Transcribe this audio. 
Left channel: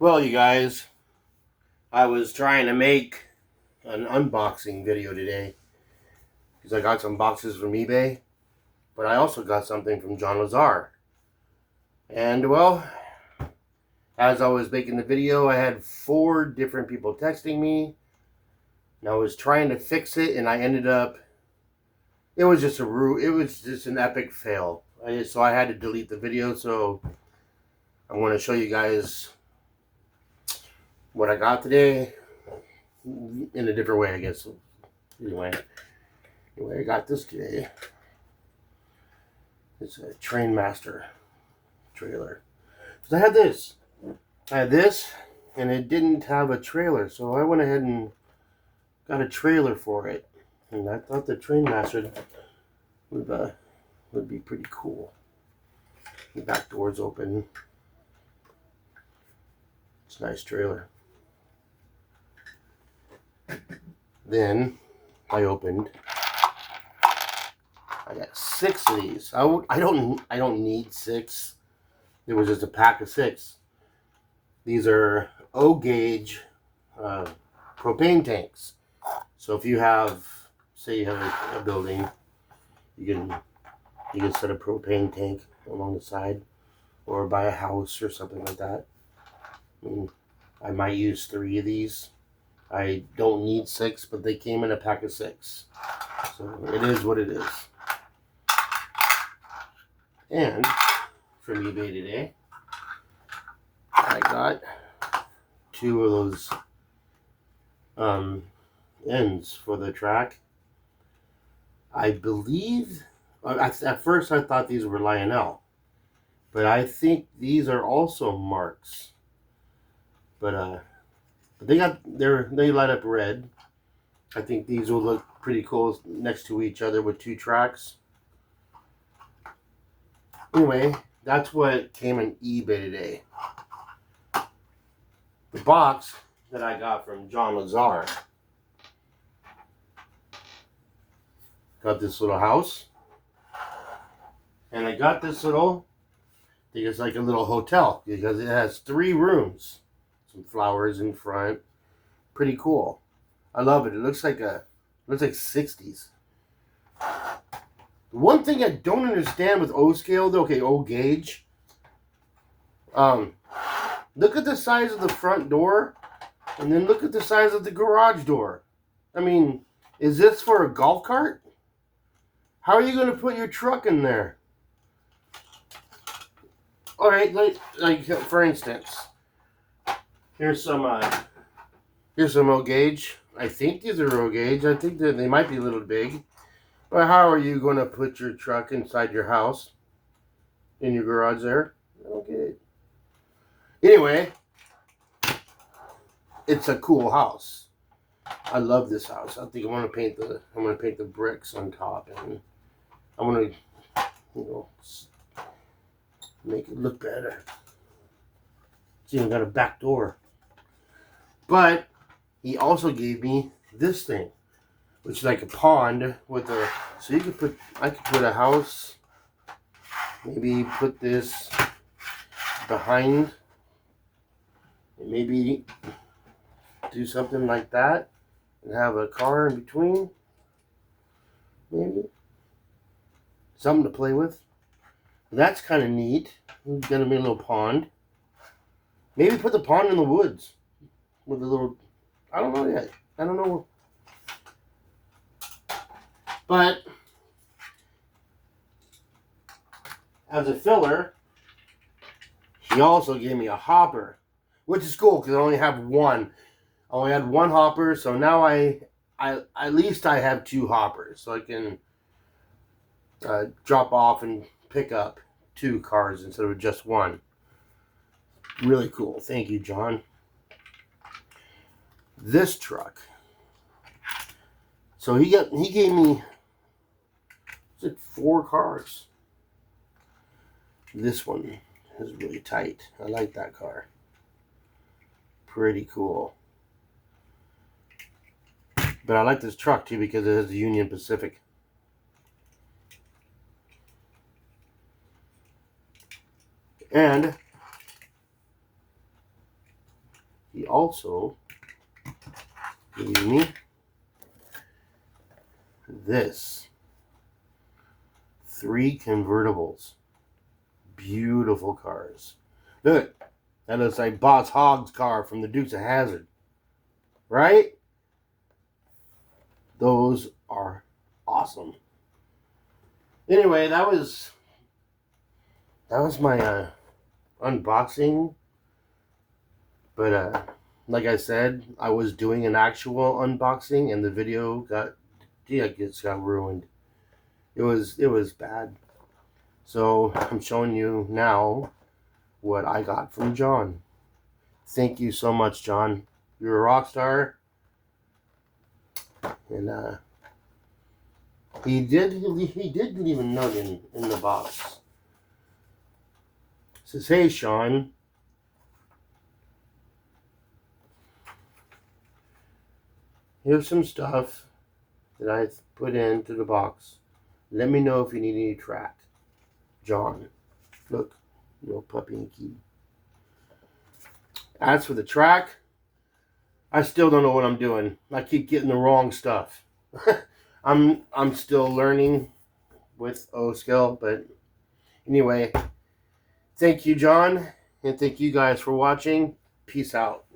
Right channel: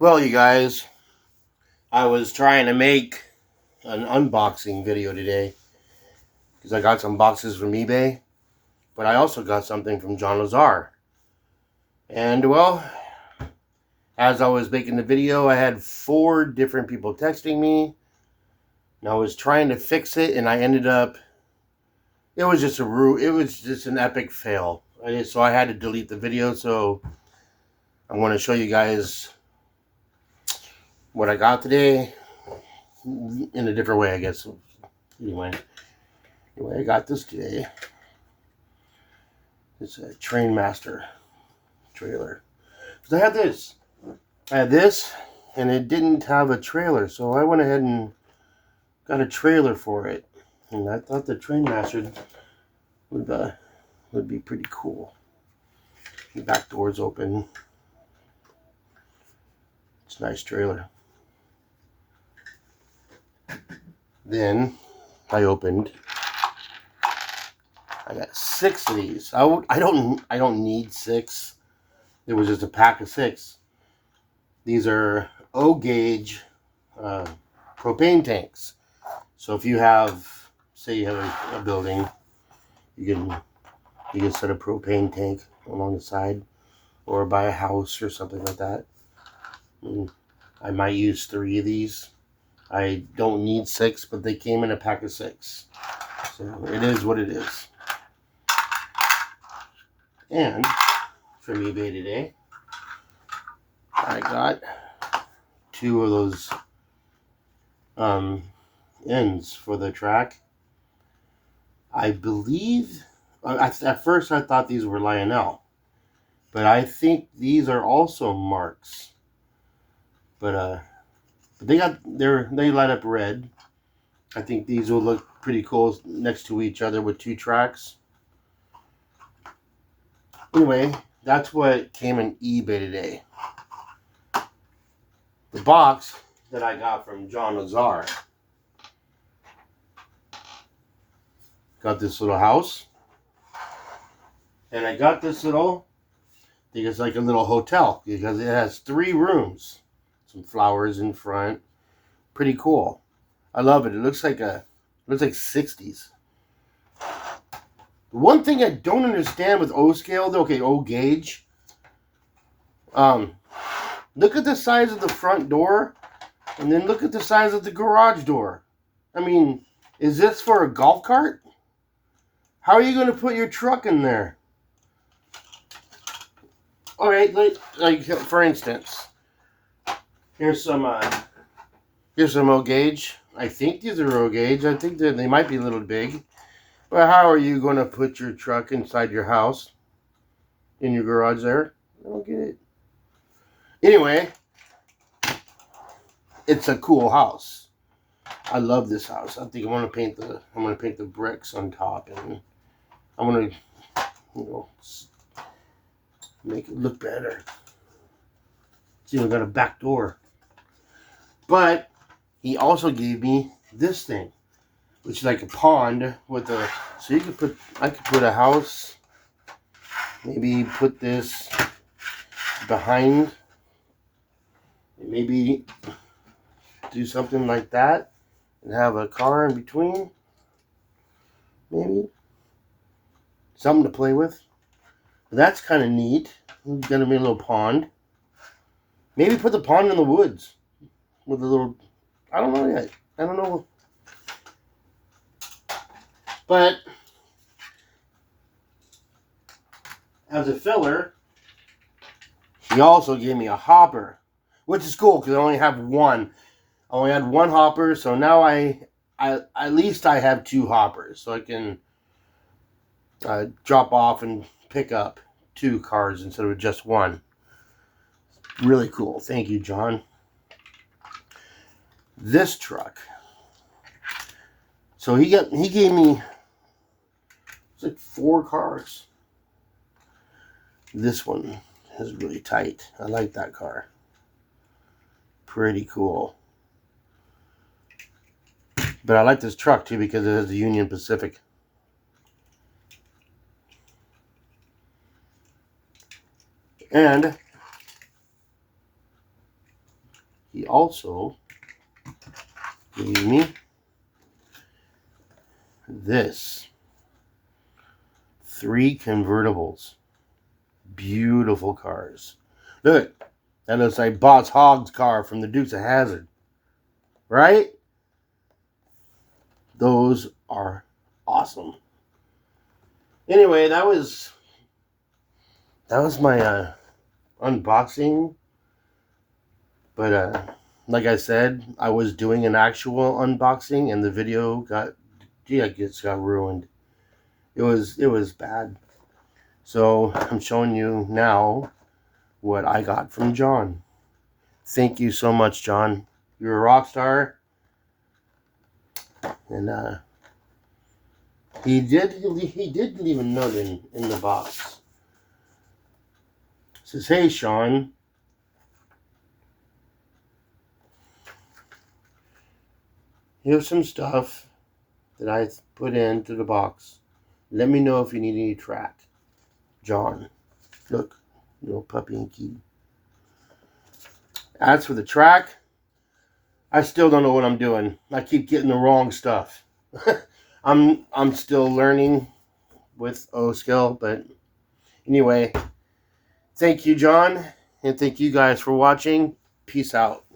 Well, you guys, I was trying to make an unboxing video today because I got some boxes from eBay, but I also got something from John Lazar. And well, as I was making the video, I had 4 different people texting me, and I was trying to fix it, and I ended up. It was just an epic fail. So I had to delete the video. So I want to show you guys what I got today in a different way, I guess. Anyway, I got this today. It's a Trainmaster trailer. So I had this. And it didn't have a trailer, so I went ahead and got a trailer for it. And I thought the Trainmaster would be pretty cool. The back door's open. It's a nice trailer. Then I opened. I got 6 of these. I don't need 6. It was just a pack of 6. These are O-gauge propane tanks. So if you have, say you have a building, you can set a propane tank along the side, or buy a house or something like that. And I might use 3 of these. I don't need 6, but they came in a pack of 6. So it is what it is. And from eBay today, I got 2 of those ends for the track. I believe, at first I thought these were Lionel, but I think these are also Marks. But they light up red. I think these will look pretty cool next to each other with 2 tracks. Anyway, that's what came in eBay today. The box that I got from John Lazar got this little house, and I got this little, I think it's like a little hotel because it has 3 rooms, some flowers in front, pretty cool. I love it. It looks like 60s. The one thing I don't understand with O scale, though, okay, O gauge. Look at the size of the front door, and then look at the size of the garage door. I mean, is this for a golf cart? How are you going to put your truck in there? All right, like for instance, here's some O gauge. I think these are O gauge. I think that they might be a little big. But how are you going to put your truck inside your house, in your garage there? I don't get it. Anyway, it's a cool house. I love this house. I think I'm gonna paint the bricks on top, and I'm gonna, make it look better. It's even got a back door. But he also gave me this thing, which is like a pond with a. So I could put a house. Maybe put this behind. Maybe do something like that and have a car in between. Maybe something to play with. That's kind of neat. It's gonna be a little pond. Maybe put the pond in the woods with a little. I don't know yet. I don't know. But as a filler, he also gave me a hopper, which is cool because I only have one. I only had one hopper, so now I at least I have 2 hoppers, so I can drop off and pick up 2 cars instead of just one. Really cool. Thank you, John. This truck. So he gave me, it's like 4 cars. This one is really tight. I like that car. Pretty cool. But I like this truck too because it has the Union Pacific. And he also gave me this. 3 convertibles. Beautiful cars. Look, that looks like Boss Hogg's car from the Dukes of Hazzard. Right? Those are awesome. Anyway, that was my unboxing. But like I said, I was doing an actual unboxing and the video got ruined. It was bad. So I'm showing you now what I got from John. Thank you so much, John. You're a rock star. And he did leave a note in the box. It says, "Hey, Sean. Here's some stuff that I put into the box. Let me know if you need any track. John." Look, little puppy and key. As for the track, I still don't know what I'm doing. I keep getting the wrong stuff. I'm still learning with O-Scale, but anyway, thank you, John, and thank you guys for watching. Peace out.